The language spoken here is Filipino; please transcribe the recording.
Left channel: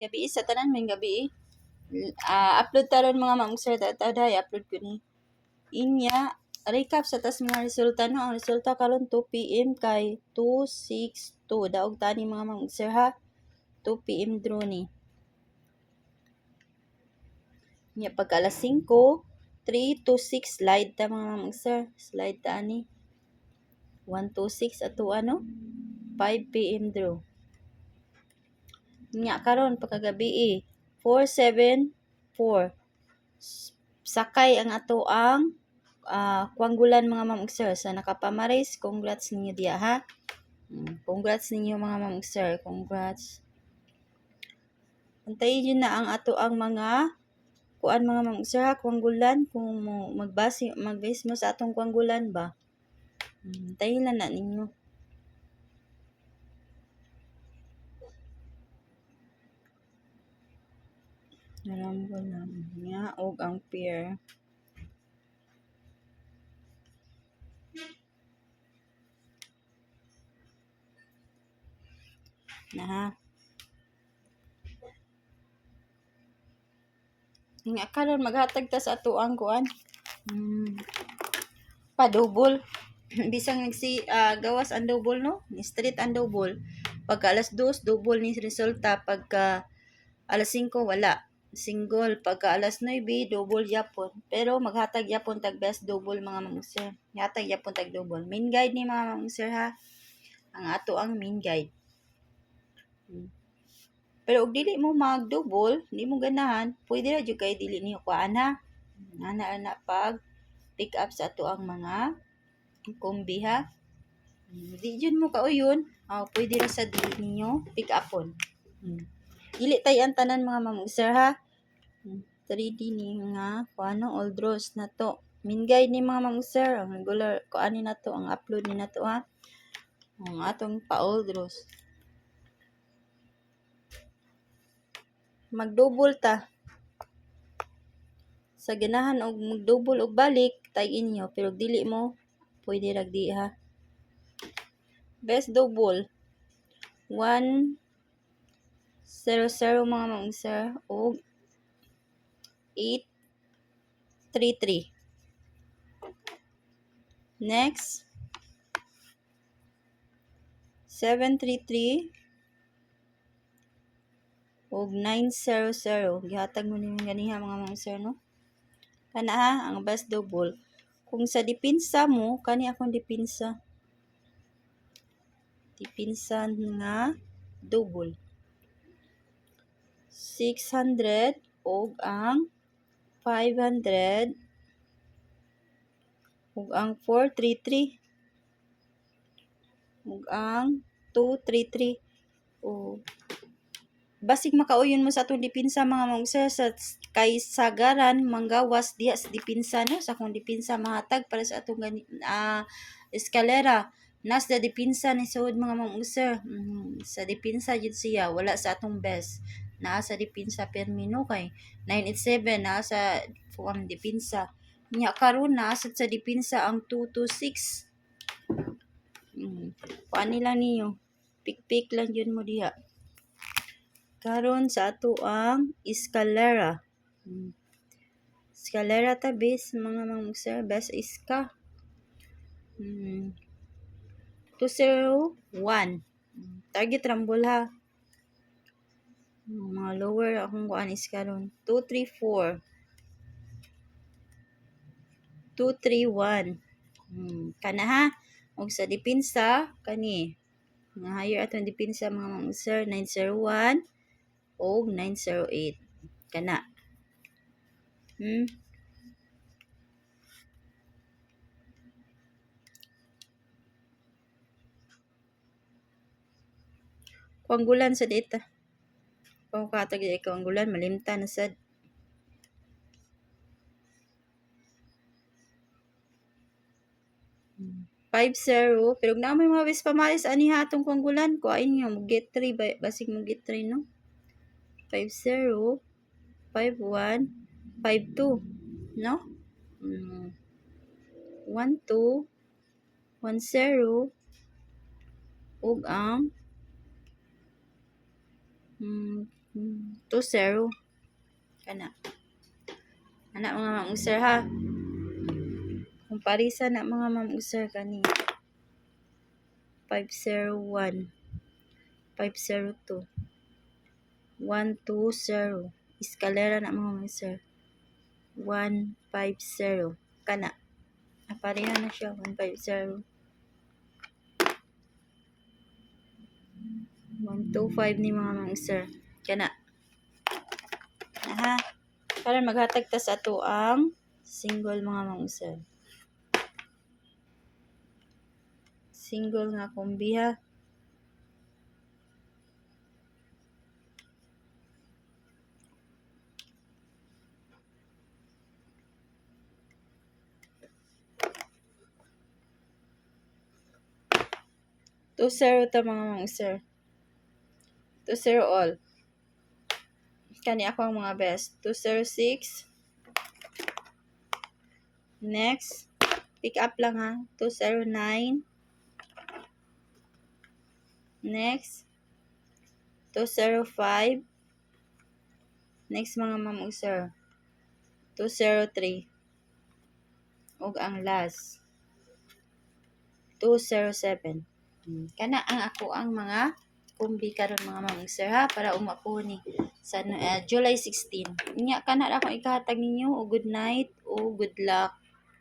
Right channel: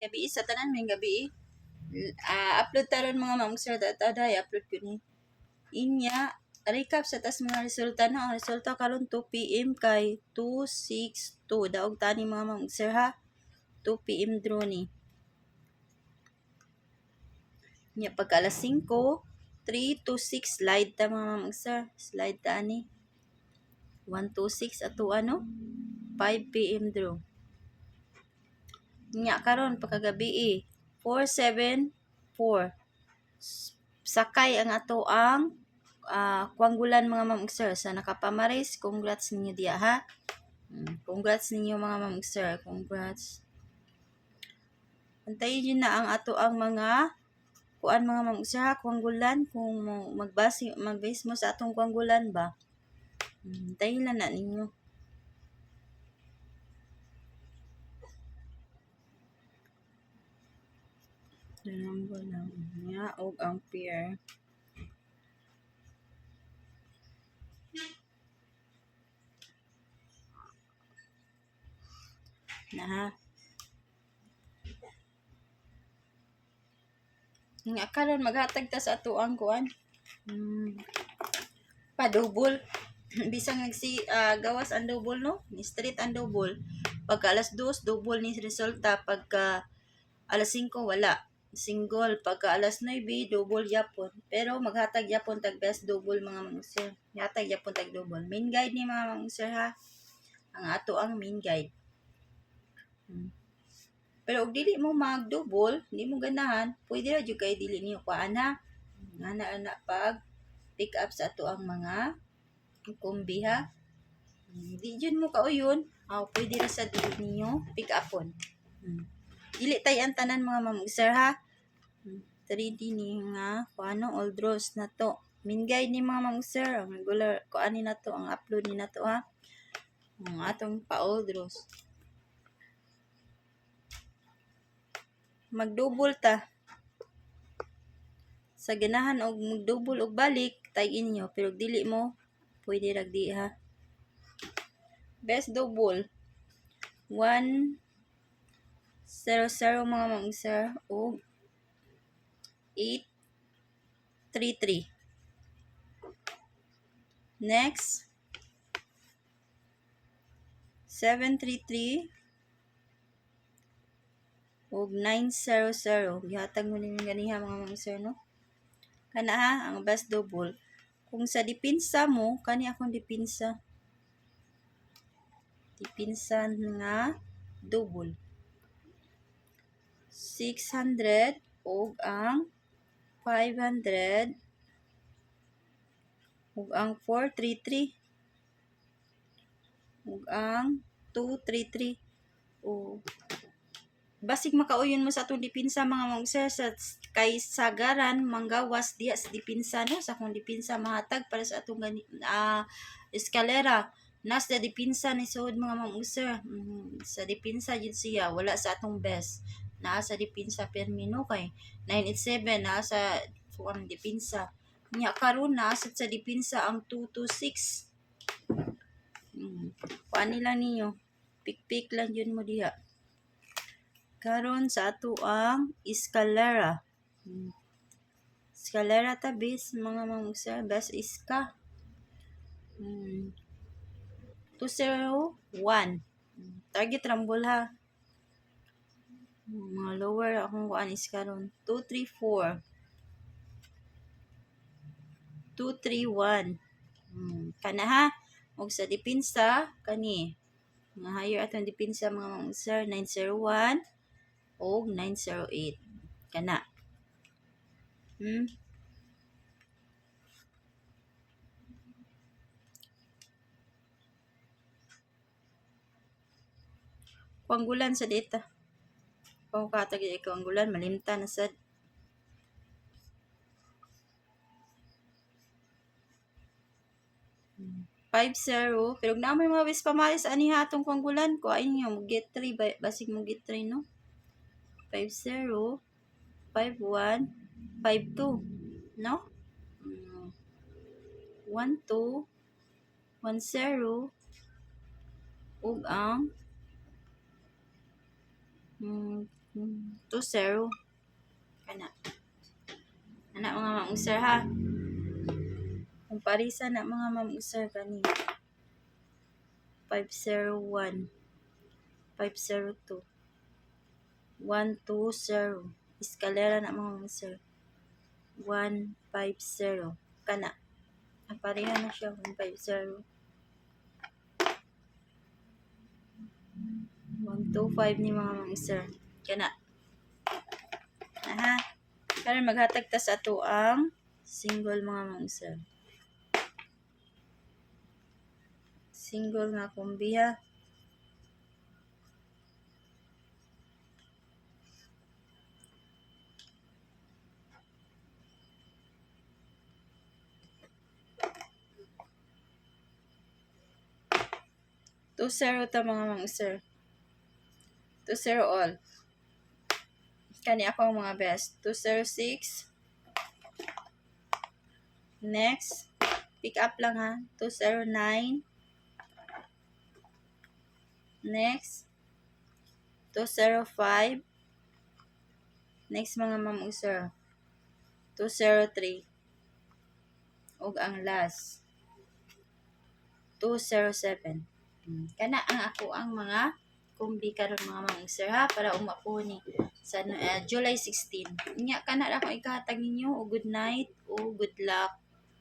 Gabi sa tanan may gabi. Upload taron mga ma'am sir daday upload ko ni. Inya recap sa tas mga resulta no. Ang resulta karon 2 PM kay 262 daog tani mga ma'am sir ha. 2 PM draw ni. Nya pagka alas 5 3 to 6 slide ta mga ma'am sir. Slide ta ani. 1 to 6 ato ano 5 PM draw. Nya karon pagkagabi 474 sakay ang ato ang kuanggulan mga ma'am sir sa nakapamaris. Congrats ninyo diya ha. Congrats ninyo mga ma'am sir. Congrats. Antayin nyo na ang ato ang mga kuan mga ma'am sir ha. Kuanggulan kung magbase mo sa atong kuanggulan ba. Antayin lang na ninyo. Narambo lang niya og ang pair. Na ha. Nga karon maghatag ta sa ato ang kuan. Pa-double. Bisang gawas ang double no. Ni straight ang double. Pagka alas 2 double ni resulta. Pagka alas 5 wala. Single. Pagka alas 9 double yapon. Pero maghatag yapon tag best double mga ma'am sir. Hatag yapon tag double. Main guide ni mga ma'am sir ha. Ang ato ang main guide. Pero og dili mo mag-double, hindi mo ganahan, pwede ra jud kay dili niyo kuan ha. Ana pag pick up sa ato ang mga kombi ha. Di jud mo kauyon, pwede ra sa dili niyo pick upon. Dili tay ang tanan mga ma'am sir ha. 3D ni nga kuano old draws na to. Min guide ni mga ma'am sir, ang regular kuan ni nato, ang upload ni nato ha. Ang atong pa old draws. Mag-double ta. Sa ganahan og mag-double og balik, tag-in niyo. Pero dili mo, pwede ragdi ha. Best double. 1, 0, 0 mga ma'am sir. Og 8, 3, 3. Next. 7, 3, 3. Og 9, 0, 0. Gihatag mo ninyo ganiha mga ma'am sir no. Kana ha, ang best double. Kung sa dipinsa mo, kani akong dipinsa. Dipinsa nga double. 600 og ang 500 og ang 433 og ang 233 o basig makauyon mo sa atong dipinsa mga ma'am sir sa kay sagaran manggawas diya sa dipinsa no sa kung dipinsa mahatag para sa atong eskalera nas da dipinsa ni suod mga ma'am sir. Sa dipinsa jud siya wala sa atong best naa sa dipinsa permino kay 987 naa sa dipinsa nya karon naa sa dipinsa ang 226. Kuan nila niyo pik lang yun mo diha karon sa ato ang eskalera. Eskalera ta base mga ma'am sir best iska. 201 target rambol ha. Mga lower akong kuan is karon 234 231 kana ha. Og sa dipinsa kani nga higher atong dipinsa mga ma'am sir 901 og 908 kana. Kuanggulan sa data. Kung katag kuanggulan malimtan na sad. 50 pero naamay mga bis pamalis ani ha atong kuanggulan ko ay niyo mo get 3 basig mo get 3 no. 50 51 52 no. 12 10 ug ang 2-0. Kana. Anak mga ma'am sir ha. Kung parisa na mga ma'am sir kani. 501. 502. 120. Eskalera na mga ma'am sir. 150. Kana. Pareha na siya. 150. 125 ni mga ma'am sir. Kana. Aha. Karon maghatag ta sa ato ang single mga ma'am sir. Single nga kombi ha. Two zero ta mga ma'am sir. 2-0 all. Kani ako ang mga best. 206. Next. Pick up lang ha. 209. Next. 205. Next mga ma'am sir. 203. Ug ang last. 207. Kana ang ako ang mga kumbi karon mga ma'am sir ha para umapo ni sa July 16. Nya kana ra akong ikahatag ninyo o good night o good luck.